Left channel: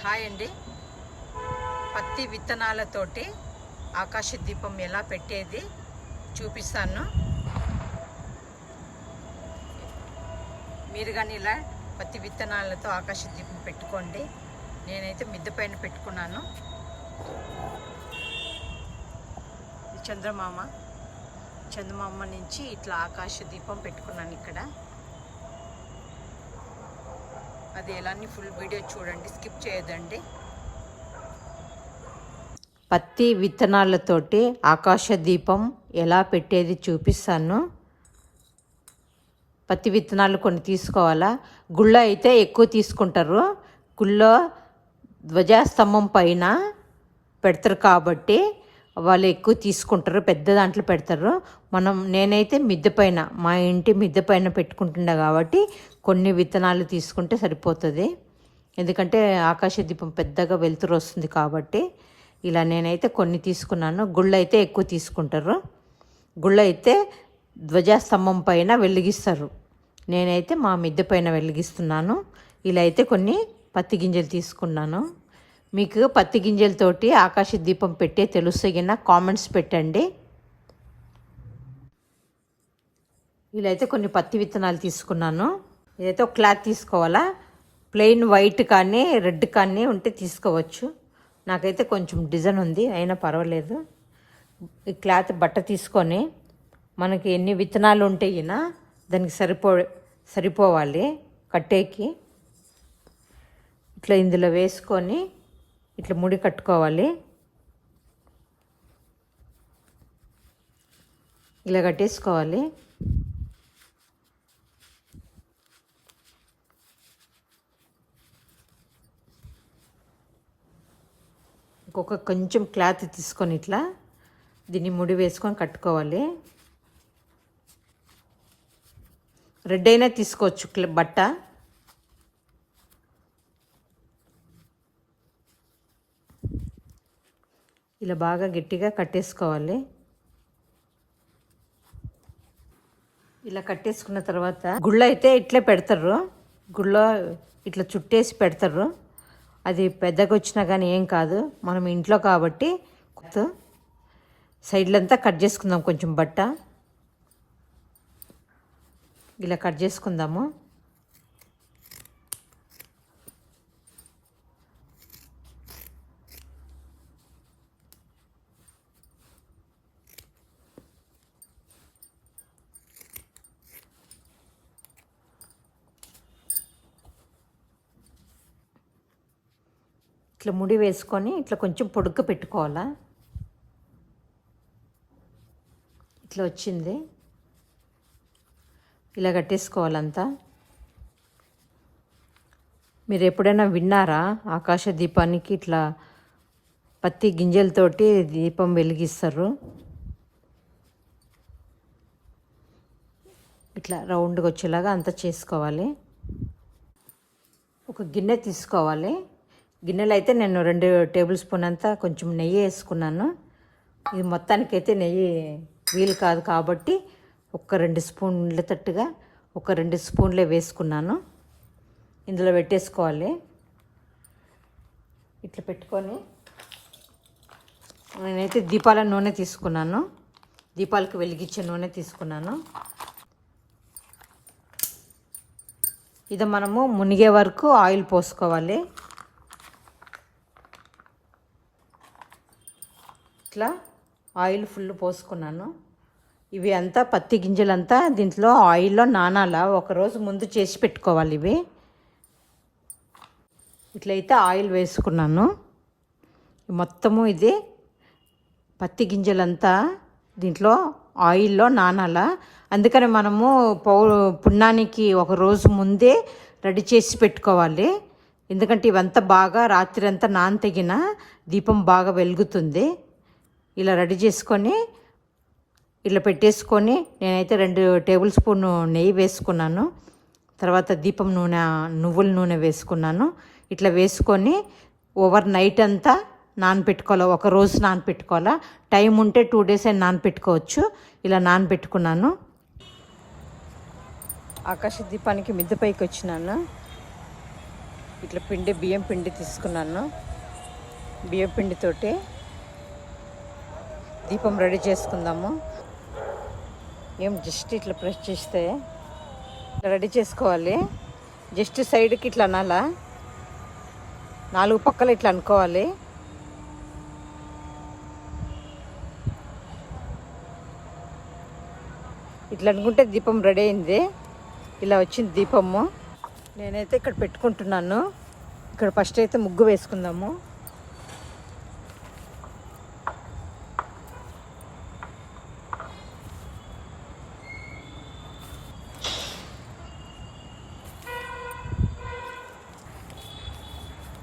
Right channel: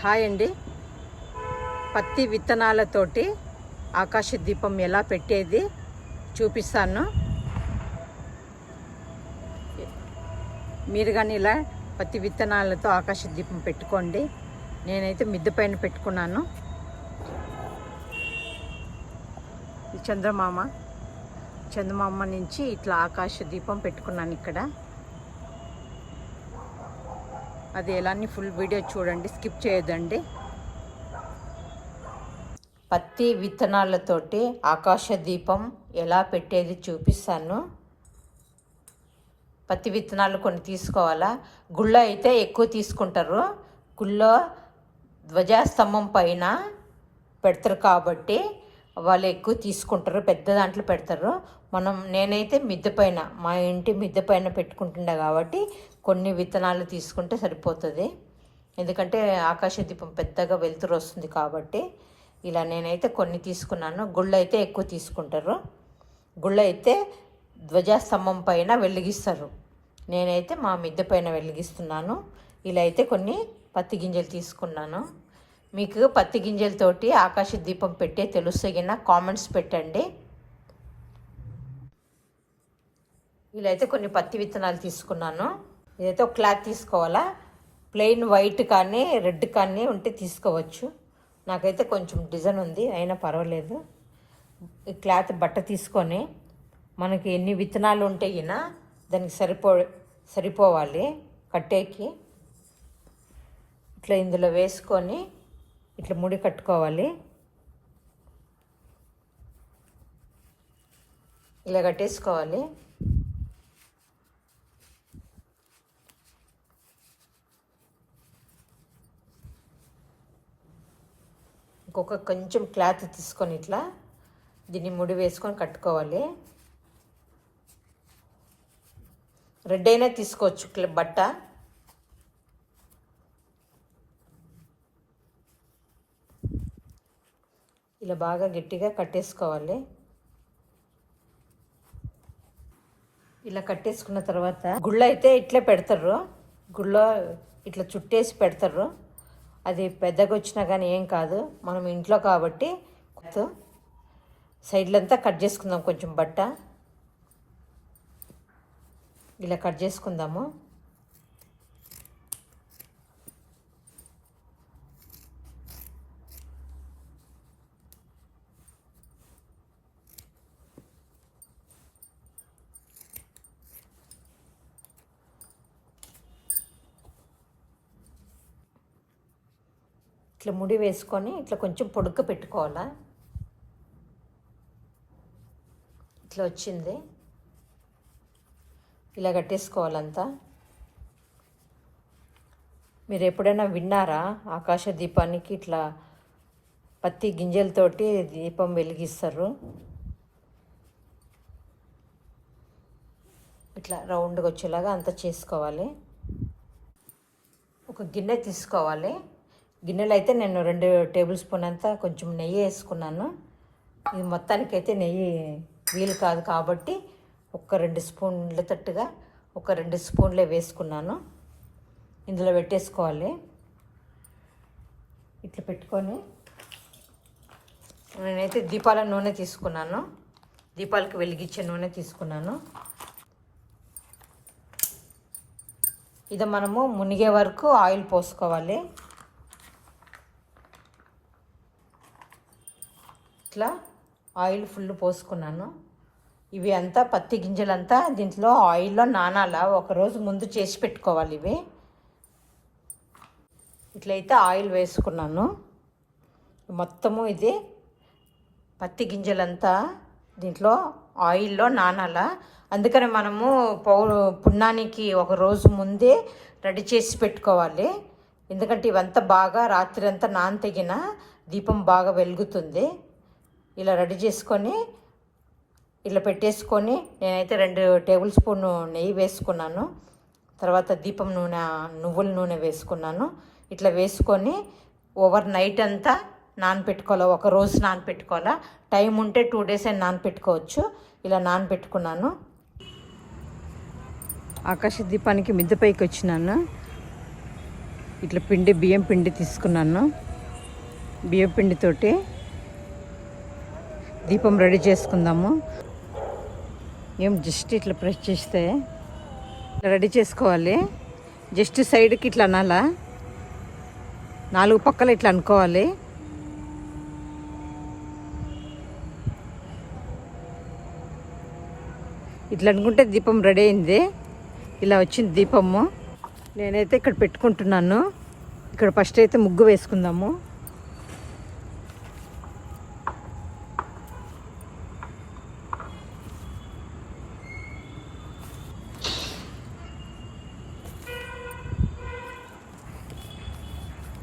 Hi అండి. పత్తి విత్తనాలతోటి ఆకాశ దీపం ఎలా పెట్టేది చూపిస్తాను. మీరు కానీ ఇలా పత్తి విత్తనాలతో ఆకాశ దీపం పెట్టుకోండి. నేనైతే మిద్దె పైన పెట్టుకున్నాను. ఇది చందమామ నుంచి ఇట్లా ఆకాశ దీపం పెట్టుకున్నాను ఇక్కడ. అది ఎలాని ఫుల్ వీడియో చూడండి, స్కిప్ చేయొద్దండి. పత్తి విత్తనాలతోటి ఆకాశ దీపం ఎలా పెట్టేది చూపిస్తాను. పత్తి విత్తనాలు కొన్ని తీసుకోవాలా. గుళ్ళ అయితే ఎక్కువ తీసుకుంటారు. గుళ్ళ ధ్వజస్తంభం పైన పెడతారు కాబట్టి వాళ్ళు ఎక్కువ తీసుకుంటారు, పెద్ద దాంట్లో పెడతారు. నేనైతే మిద్దె పైన, మా ఇంటి మిద్దె పైన పెట్టుకుంటున్నా కాబట్టి కొన్ని విత్తనాలు తీసుకుంటే సరిపోతుంది. ఎందుకంటే ఆకాశ దీపం పెద్దగా వెలుతురు వస్తుంది కాబట్టి ఇలా నేనైతే కొన్ని తీసుకున్నాను. గుళ్ళు అయితే ఎక్కువ తీసుకుంటారు. గుళ్ళు అయితే ధ్వజస్తంభం పైన వెలిగిస్తారు. నేనైతే మా మిద్దె పైన వెలిగిస్తున్నాను. ఇలా అయితే కొన్ని పత్తి గింజలు తీసుకున్నాను. మీకు పత్తి గింజలతోటి ఆకాశ దీపం పెట్టే తెలుస్తగిన కామెంట్స్ పెట్టండి. ఇలా అయితే కొన్ని పత్తి విత్తనాలు తీసుకున్నాను. ఇదైతే ఒక క్లాత్ తీసుకోవాలా. ప్లెయిన్ వైట్ కానీ రెడ్ కానీ ఉంటే తీసుకోవచ్చు. నాకైతే కొంచెం డిజైన్ ఉంది, అయినా పర్వాలేదు. ఈ క్లాత్ బట్ట తీసుకొని మనకి ఎన్ని విత్తనాలు ఉంటేనా దానికి సరిపోవాలి కట్టేకి. ఇట్లా ఇందులో వేసుకొని ఇట్లా ముడి కట్టుకోవాలి. ఇలా కట్టేసుకోవాలి. కొంచెం క్లాత్ తీసుకొని ఇట్లా దీన్ని ముడి వేసుకొని కట్టుకోవాలి. రెడ్ అయినా తీసుకోవచ్చు బట్ట. ఇలా బాగా గట్టిగా కట్టేసుకోవాలి. ఇలా కట్టేసుకున్న తర్వాత గుళ్ళ అయితే ఇట్లే పెడతారు. గుళ్ళ ఇట్లా చుట్టేసి పెడతారు. అది పెద్దగా వచ్చినా కానీ ఏం కాదు, మనం ఇంట్లో కాబట్టి. సైడ్లంతా కట్ చేసుకుందాం కొంచెం బట్ట. ఇలా కట్ చేసుకుందాము. ఇట్లా ముడి వేసుకొని ఇట్లా కొంచెం పొడుగ్గా పెట్టుకోవాలా. ఇట్లా వచ్చింది. ఇలా కట్టేసుకోవాలంతా. మీరు ఎప్పుడైనా విన్నారా ఆకాశ దీపానికి ఇట్లా పత్తి గింజలతోటి దీపం వెలిగిస్తారు? ఇట్లా రౌండ్గా వచ్చేలాగా అంతా చేసుకోవాలి. ఒక గిన్నె తీసుకోవాలి. గిన్నెలో అయితే నేను 2 టేబుల్ స్పూన్ అంతా కొంచెం నెయ్యి వేసుకున్నాను. ఇది మొత్తానికైతే నెయ్యి వీలు కాదు కాబట్టి ఒక 2 స్పూన్ల తట్టుగా ఒక 2 స్పూన్లే వేసుకున్నాను. ఇందులో పెట్టేసుకోవాలి. ఇట్లా పెట్టుకొని నేనైతే దీపాల నూనె తీసుకున్నాను. దీపాలకు వెలిగించే నూనె తీసుకున్నాను. ఇది మనము మునిగే వరకు ఆయిల్ పోసుకోవాలి. ఇట్లా ఆయిల్ ఫుల్ పోసుకున్నాను. ఇవి అంతా పత్తి గింజలంతా దీంట్లో ఆయిల్లో నానాలా, ఒకరోజు ముందు చేసి పెట్టుకోవాలి. ఇవి ఇట్లయితే ఆయిల్ వేసుకున్నాను. మొత్తము ఇది పత్తి గింజలంతా దీంట్లో ఆయిల్లో నానాలా. అందుకని మనము పున్నానికి ఒకరోజు ముందే రెడీ చేసి పెట్టుకోవాలి. ఎందుకంటే ఇవంతా బాగా రాత్రి అంతా నానతగిన దీపం బాగా వెలుగుతుంది. ఇలా రెడీ చేసుకొని ఇట్లా పెట్టేసుకొని నేనైతే 2 టేబుల్ స్పూన్ నెయ్యి వేసుకున్నాను. తర్వాత దీపం నూనె, నువ్వుల నూనె వేసుకున్నాను. ఇట్లా వేసుకొని ఓవర్ నైట్ అంతా నానపెట్టుకోవాలి. ఒకరోజు నానపెట్టుకోవాలా. టైం ఉంటే 2 డేస్ అయినా నానపెట్టుకోవచ్చు. ఇలా నానపెట్టుకున్నాను. ఆకాశ దీపానికి మిద్దె పైకి వచ్చినాను. ఇట్లా బియ్యం పిండి తీసుకున్నాను. బియ్యం పిండితోటి దీపం రెడీ చేసుకుందాము. జస్ట్ ఇట్లా ప్రెస్ చేస్తే రెడీ చేసుకోవాలి. జస్ట్ సైడ్కి ఇట్లా అనాలా, 4 పక్కల ఇట్లా అనుకోవాలి. ఇట్లా అనుకుంటే దీపం రెడీ అయింది. ఇలా వచ్చింది దీపము. నేనైతే ఇక్కడ పెట్టుకుంటున్నాను. ఇక్కడ ఫస్ట్ అయితే ముగ్గు వేసుకుందాము.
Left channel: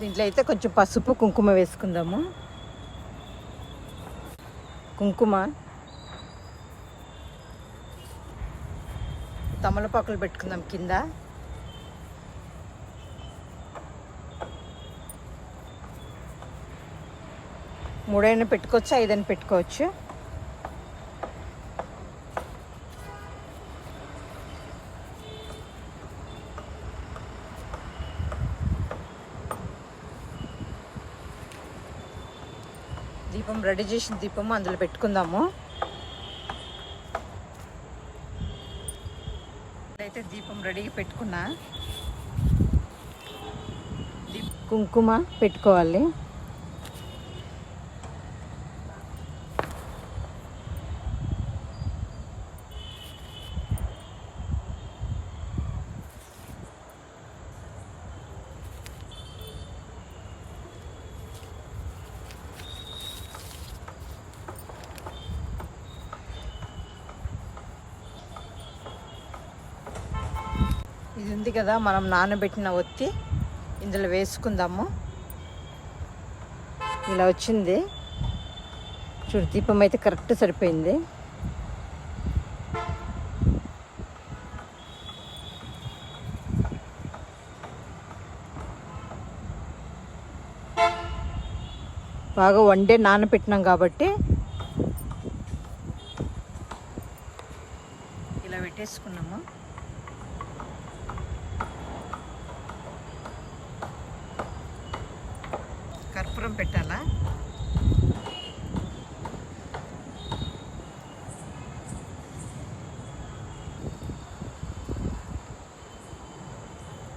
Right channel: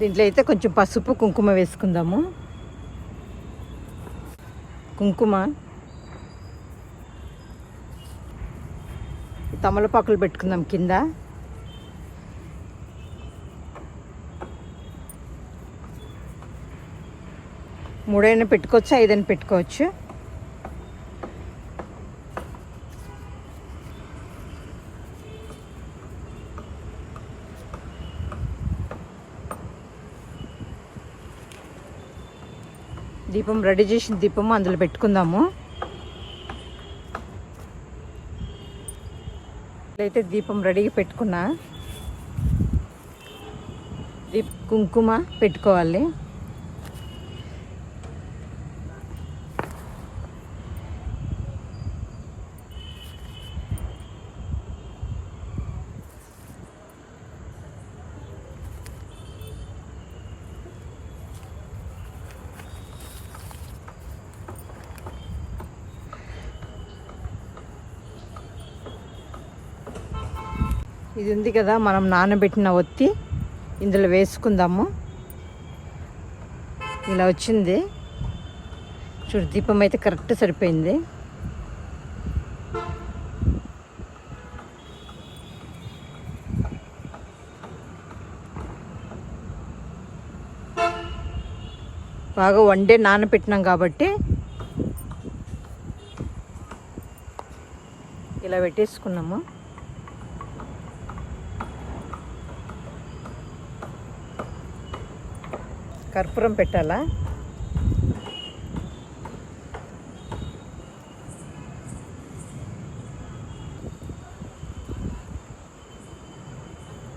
దీంట్లో అయితే కొంచెం పసుపు కుంకుమ వేసుకుందాము. కుంకుమ, తమలపాకులు పెట్టుకుందాం కింద. మూడైనా పెట్టుకోవచ్చు, 5 పెట్టుకోవచ్చు. దీపం రెడీ చేసిన దీపము అందులో పెట్టుకుందాము. అయితే దీపం రెడీగా పెట్టుకున్నా. కుంకుమ పెట్టుకోవాలి. ఇది ఉంది కదా మనం నానబెట్టిన ఒత్తి, ఇందులో వేసుకుందాము. ఇలా వచ్చింది చూడు, దీపం అయితే కరెక్ట్ సరిపోయింది. బాగా వండే నానబెట్టినాం కాబట్టి ఇలా పెట్టేసుకున్నాము. కర్పూరం పెట్టాలా.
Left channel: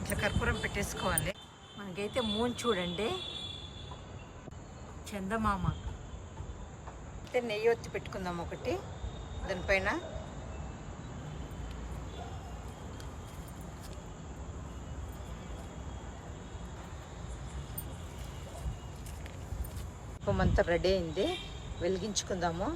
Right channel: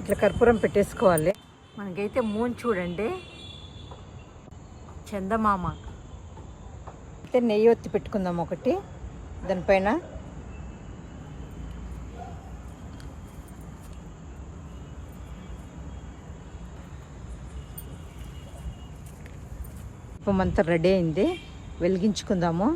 ఇట్లా కర్పూరం పెట్టేసుకోవాలి. మనకైతే మూన్ చూడండి, చందమామ. అయితే నెయ్యి ఒత్తి పెట్టుకుందాం ఒకటి దానిపైన. దీపం అంతా రెడీ అయింది, వెలిగించుకుందాము.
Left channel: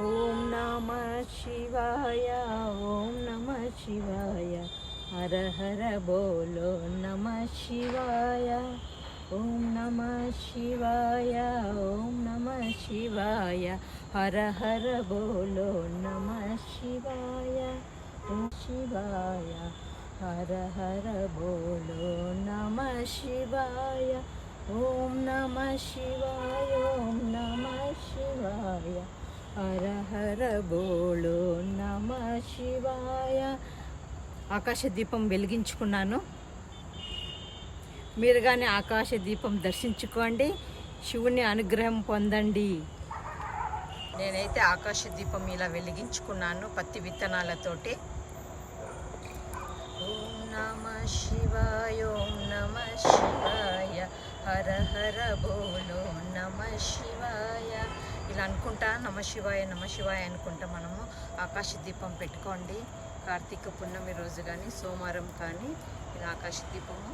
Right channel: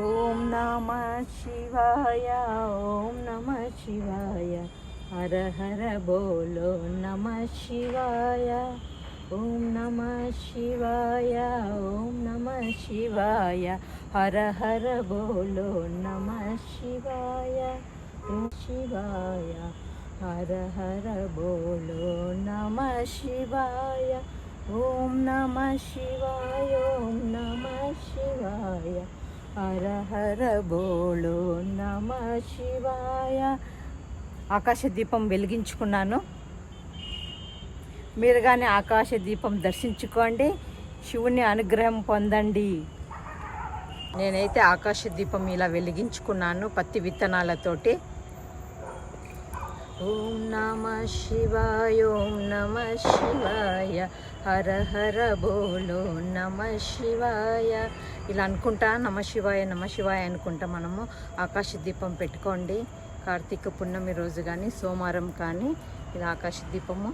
ఓం నమః శివాయ, ఓం నమః శివాయ, హర హర బోలో నమః శివాయ. ఓం నమః శివాయ, ఓం నమః శివాయ, హర హర బోలో నమః శివాయ. ఓం శివాయ, హర హర బోలో నమః శివాయ. ఓం నమః శివాయ, ఓం నమః శివాయ, హర హర బోలో నమః శివాయ. ఆకాశ దీపం వెలిగించుకున్నాను. మీరు కానీ ఆకాశ దీపం దర్శించుకోండి, శివుని అనుగ్రహం పొందండి. నేనైతే ఆకాశ దీపం ఇలా వెలిగించుకున్నాను పత్తి విత్తనాలతోటి. ఓం నమః శివాయ, ఓం నమః శివాయ, హర హర బోలో నమః శివాయ. ఇలా అనుకుంటా నమః శివాయ అనుకుంటా మనము ఆకాశ దీపం పెట్టుకోండి. కార్తీక పున్నమి రోజు కానీ సోమవారం కానీ ఇలా ఆకాశ దీపము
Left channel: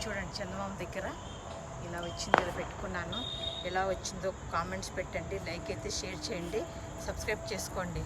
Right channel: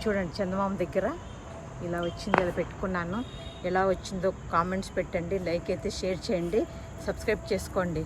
చూడండి, చందమామ దగ్గర ఇలా వచ్చింది, ఇలా పెట్టుకున్నాను. ఎలా వచ్చిందో కామెంట్స్ పెట్టండి, లైక్ అయితే షేర్ చేయండి, సబ్స్క్రైబ్ చేసుకోండి.